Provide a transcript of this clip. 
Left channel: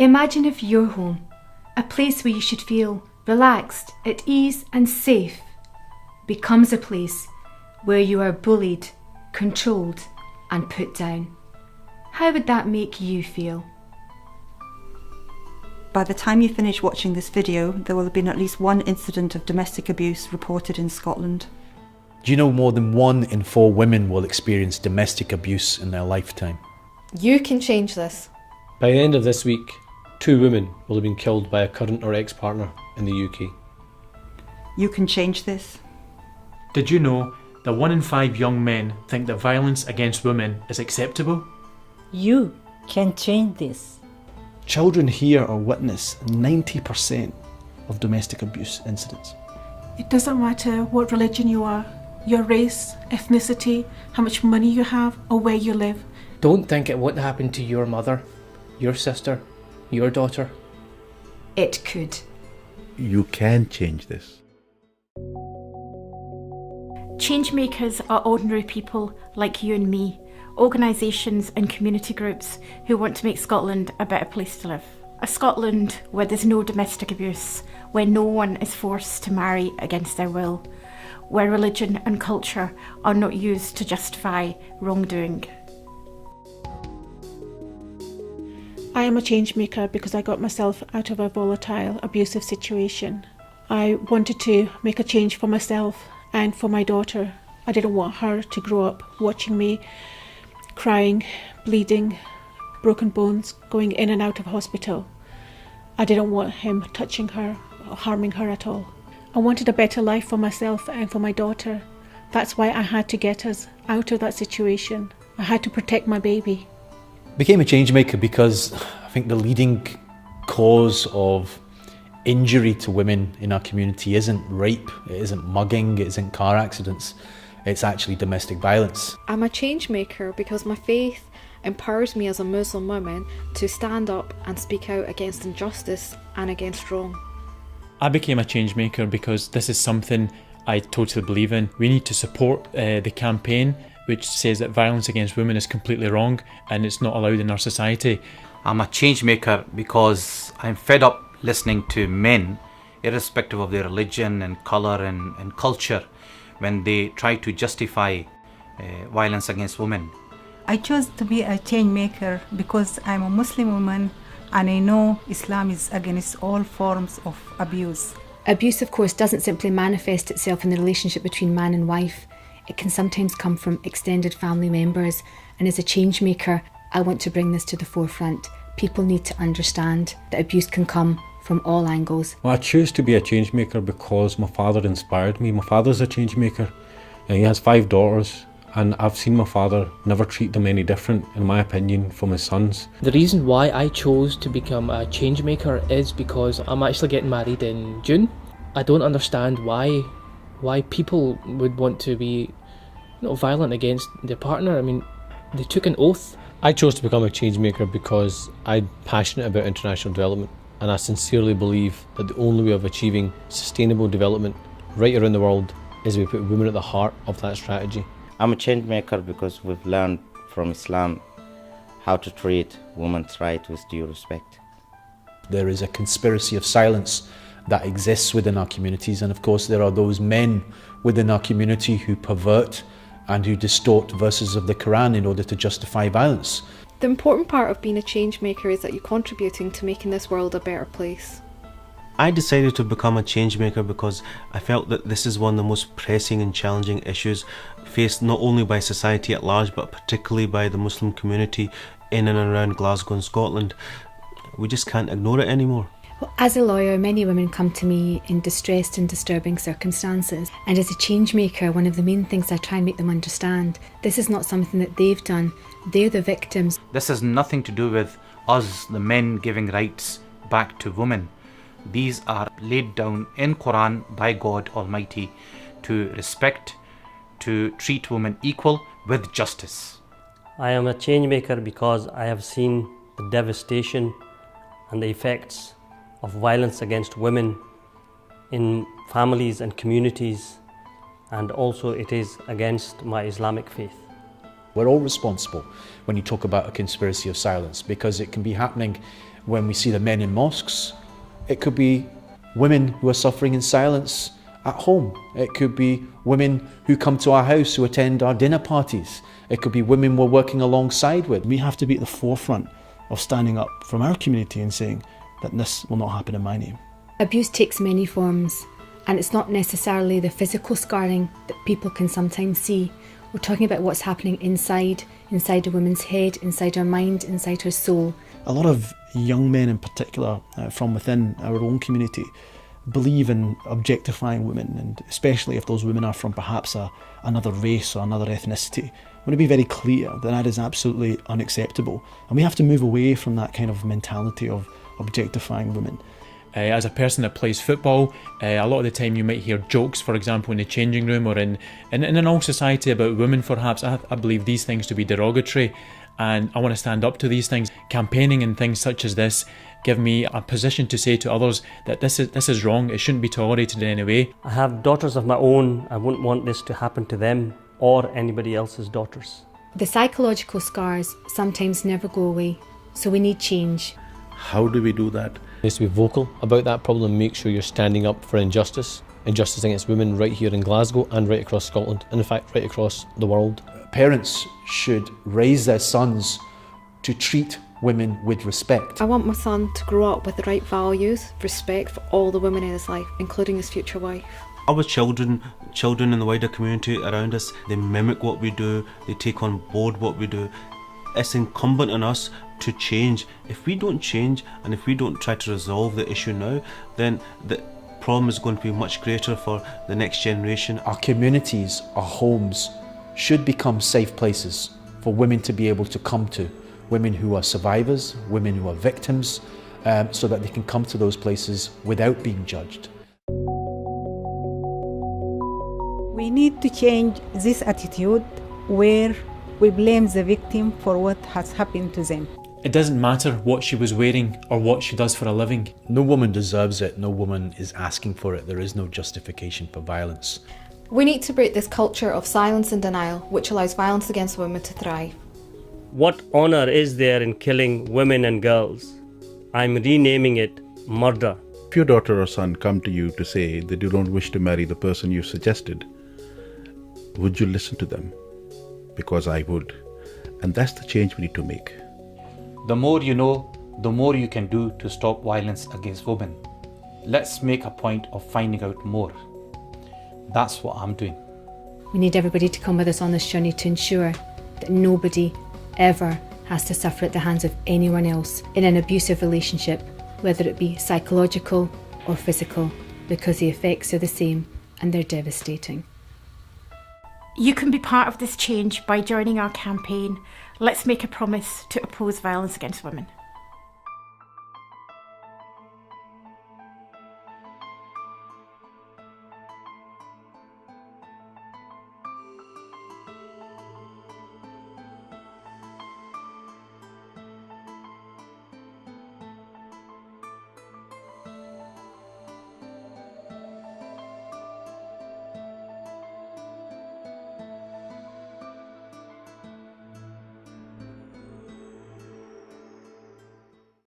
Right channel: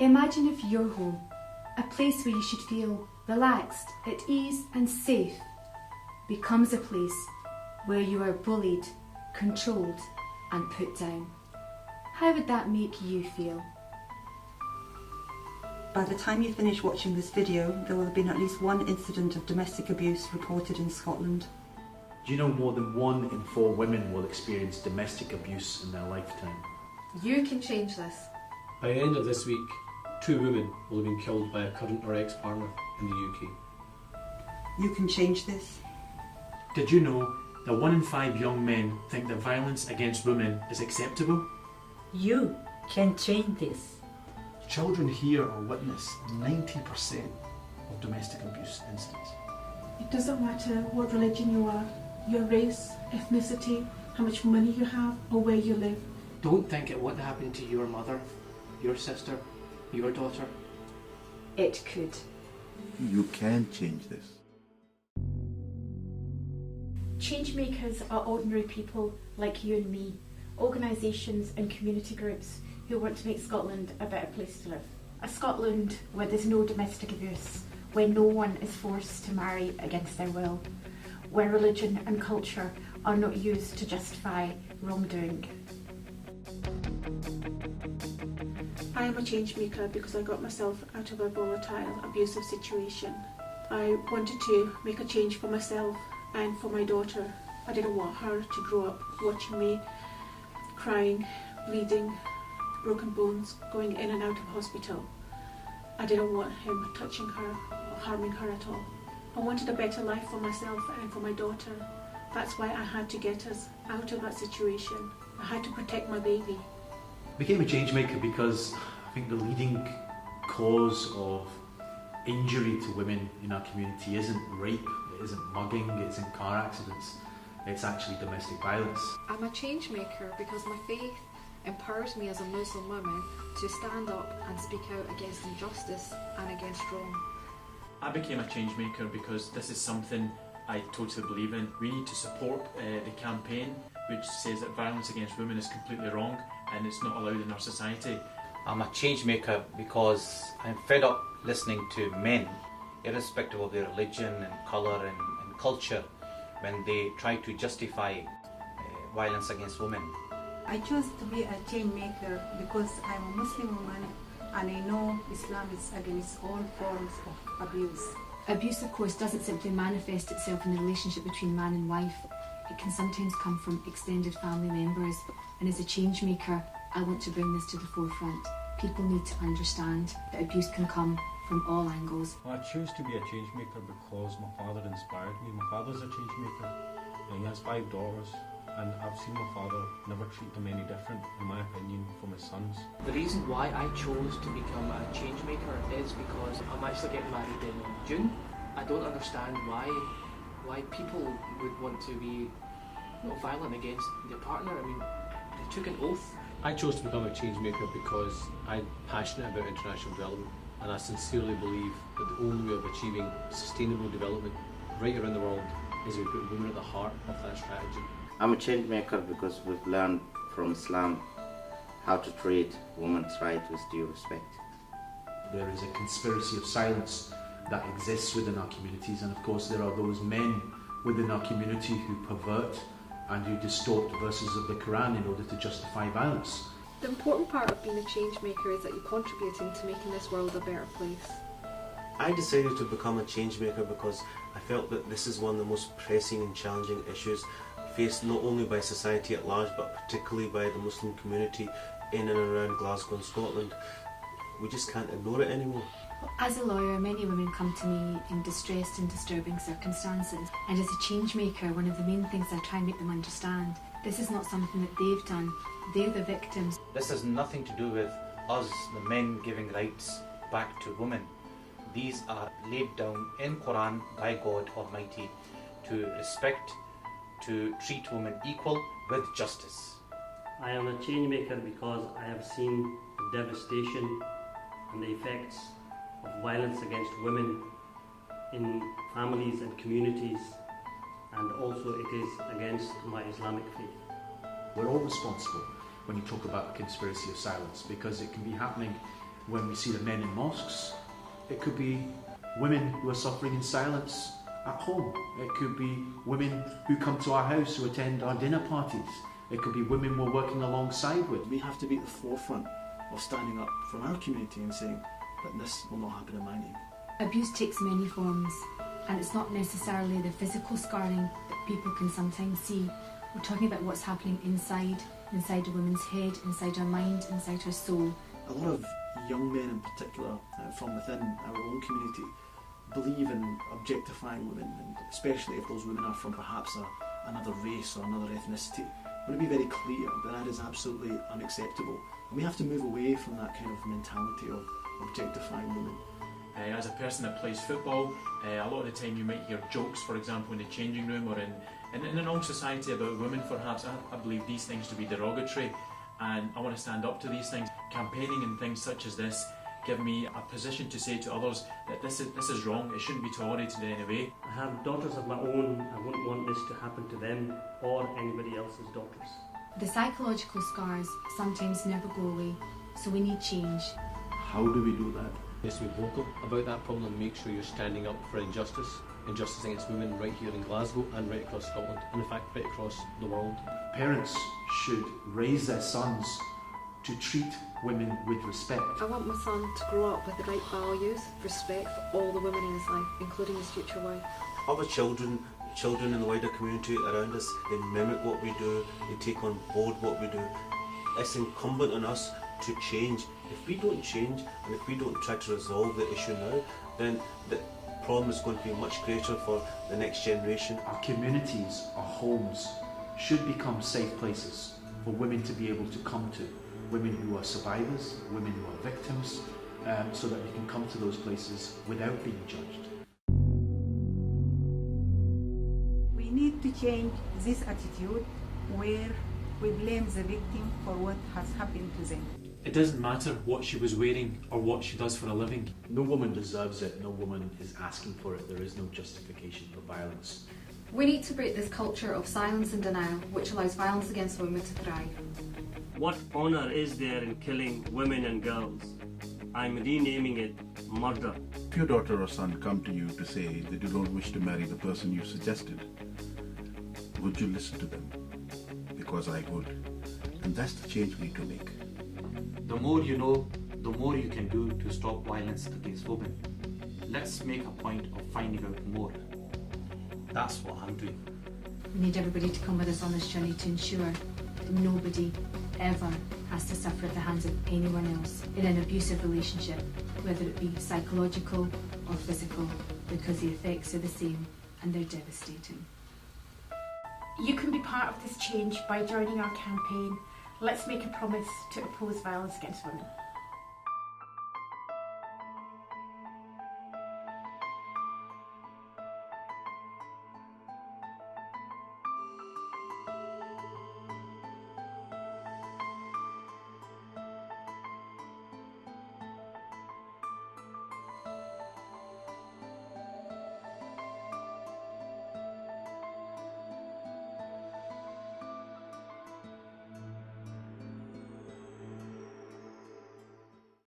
Imagine if your home, a place where you should feel relaxed, at ease and safe, becomes a place where you are bullied, controlled and put down. How would that make you feel? By the time you finish watching this video, there will have been at least one incident of domestic abuse reported in Scotland. Do you know more than 1 in 4 women will experience domestic abuse in their lifetime? You can change this. By the end of this week, 2 women will have been killed by a current or ex-partner in the UK. You can change this. Did you know that 1 in 5 young men think that violence against women is acceptable? You can change this. Children hear or witness 90% of domestic abuse incidents. It doesn't matter what religion you are, your race, ethnicity, how much money you have, or where you live. Don't think it won't happen to your mother, your sister, your daughter. It could. You can change this. Changemakers are ordinary people like you and me, organisations and community groups who want to make Scotland a better place to live. A Scotland where there's no domestic abuse, where no one is forced to marry against their will, where religion and culture are not used to justify wrongdoing. I am a change maker because I got myself out of a volatile, abusive situation. I wanted to make a change for myself and for my daughter. I didn't want her to grow up watching me crying, bleeding, broken bones, going in and out of hospital. I didn't want him touching her or harming her at all. I wanted a better life for myself and for my daughter. That's why I had to get us out of that situation. I had to protect my baby. Became a change maker because I think the leading cause of injury to women in our community isn't rape, it isn't mugging, it isn't car accidents, it's actually domestic violence. I'm a change maker because my faith empowers me as a Muslim woman to stand up and speak out against injustice and against wrong. I became a change maker because this is something I totally believe in. We need to support the campaign which says that violence against women is completely wrong and it's not allowed in our society. I'm a change maker because I'm fed up listening to men, irrespective of their religion and colour and culture, when they try to justify violence against women. I chose to be a change maker because I'm a Muslim woman and I know Islam is against all forms of abuse. Abuse, of course, doesn't simply manifest itself in the relationship between man and wife. It can sometimes come from extended family members, and as a change maker, I want to bring this to the forefront. People need to understand that abuse can come from all angles. Well, I choose to be a change maker because my father inspired me. My father's a change maker and he has 5 daughters, and I've seen my father never treat them any different, in my opinion, from his sons. The reason why I chose to become a change maker is because I'm actually getting married in June. I don't understand why people would want to be violent against their partner. I mean, they took an oath. I chose to become a change maker because I'm passionate about international development, and I sincerely believe that the only way of achieving sustainable development right around the world is we put women at the heart of that strategy. I'm a change maker because we've learned from Islam how to treat women's rights with due respect. There is a conspiracy of silence that exists within our communities, and of course there are those men within our community who pervert and who distort verses of the Quran in order to justify violence. The important part of being a change maker is that you're contributing to making this world a better place. I decided to become a change maker because I felt that this is one of the most pressing and challenging issues faced not only by society at large but particularly by the Muslim community in and around Glasgow and Scotland. We just can't ignore it anymore. Well, as a lawyer, many women come to me in distressed and disturbing circumstances, and as a change maker, one of the main things I try and make them understand, this is not something that they've done, they're the victims. This has nothing to do with us, the men, giving rights back to women. These are laid down in Quran by God Almighty to respect, to treat women equal with justice. I am a change maker because I have seen the devastation and the effects of violence against women in families and communities, and also it is against my Islamic faith. We're all responsible when you talk about a conspiracy of silence, because it can be happening when we see the men in mosques. It could be women who are suffering in silence at home. It could be women who come to our house, who attend our dinner parties. It could be women we're working alongside with. We have to be at the forefront of standing up from our community and saying that this will not happen in my name. Abuse takes many forms, and it's not necessarily the physical scarring that people can sometimes see. We're talking about what's happening inside a woman's head, inside her mind, inside her soul. A lot of young men in particular from within our own community believe in objectifying women, and especially if those women are from perhaps another race or another ethnicity. I want to be very clear that that is absolutely unacceptable, and we have to move away from that kind of mentality of objectifying women. As a person that plays football, a lot of the time you might hear jokes, for example, in the changing room or in all society about women perhaps. I believe these things to be derogatory, and I want to stand up to these things. Campaigning and things such as this give me a position to say to others that this is wrong, it shouldn't be tolerated in any way. I have daughters of my own. I wouldn't want this to happen to them or anybody else's daughters. The psychological scars sometimes never go away, so we need change. How do we do that? Is to be vocal about that problem and make sure you're standing up for injustice against women right here in Glasgow and right across Scotland, and in fact right across the world. Parents should raise their sons to treat women with respect. I want my son to grow up with the right values, respect for all the women in his life, including his future wife. Our children in the wider community around us, they mimic what we do, they take on board what we do. It's incumbent on us to change. If we don't change and if we don't try to resolve the issue now, then the problem is going to be much greater for the next generation. Our communities, our homes, should become safe places for women to be able to come to. Women who are survivors, women who are victims, so that they can come to those places without being judged. We need to change this attitude where we blame the victim for what has happened to them. It doesn't matter what she was wearing or what she does for a living. No woman deserves it, no woman is asking for it. There is no justification for violence. We need to break this culture of silence and denial, which allows violence against women to thrive. What honour is there in killing women and girls? I'm renaming it murder. If your daughter or son come to you to say that you don't wish to marry the person you suggested, would you listen to them? Because I would. And that's the change we need to make. The more you know, the more you can do to stop violence against women. Let's make a point of finding out more. That's what I'm doing. We need everybody to come with us on this journey to ensure that nobody ever has to suffer at the hands of anyone else in an abusive relationship, whether it be psychological or physical, because the effects are the same and they're devastating. You can be part of this change by joining our campaign. Let's make a promise to oppose violence against women.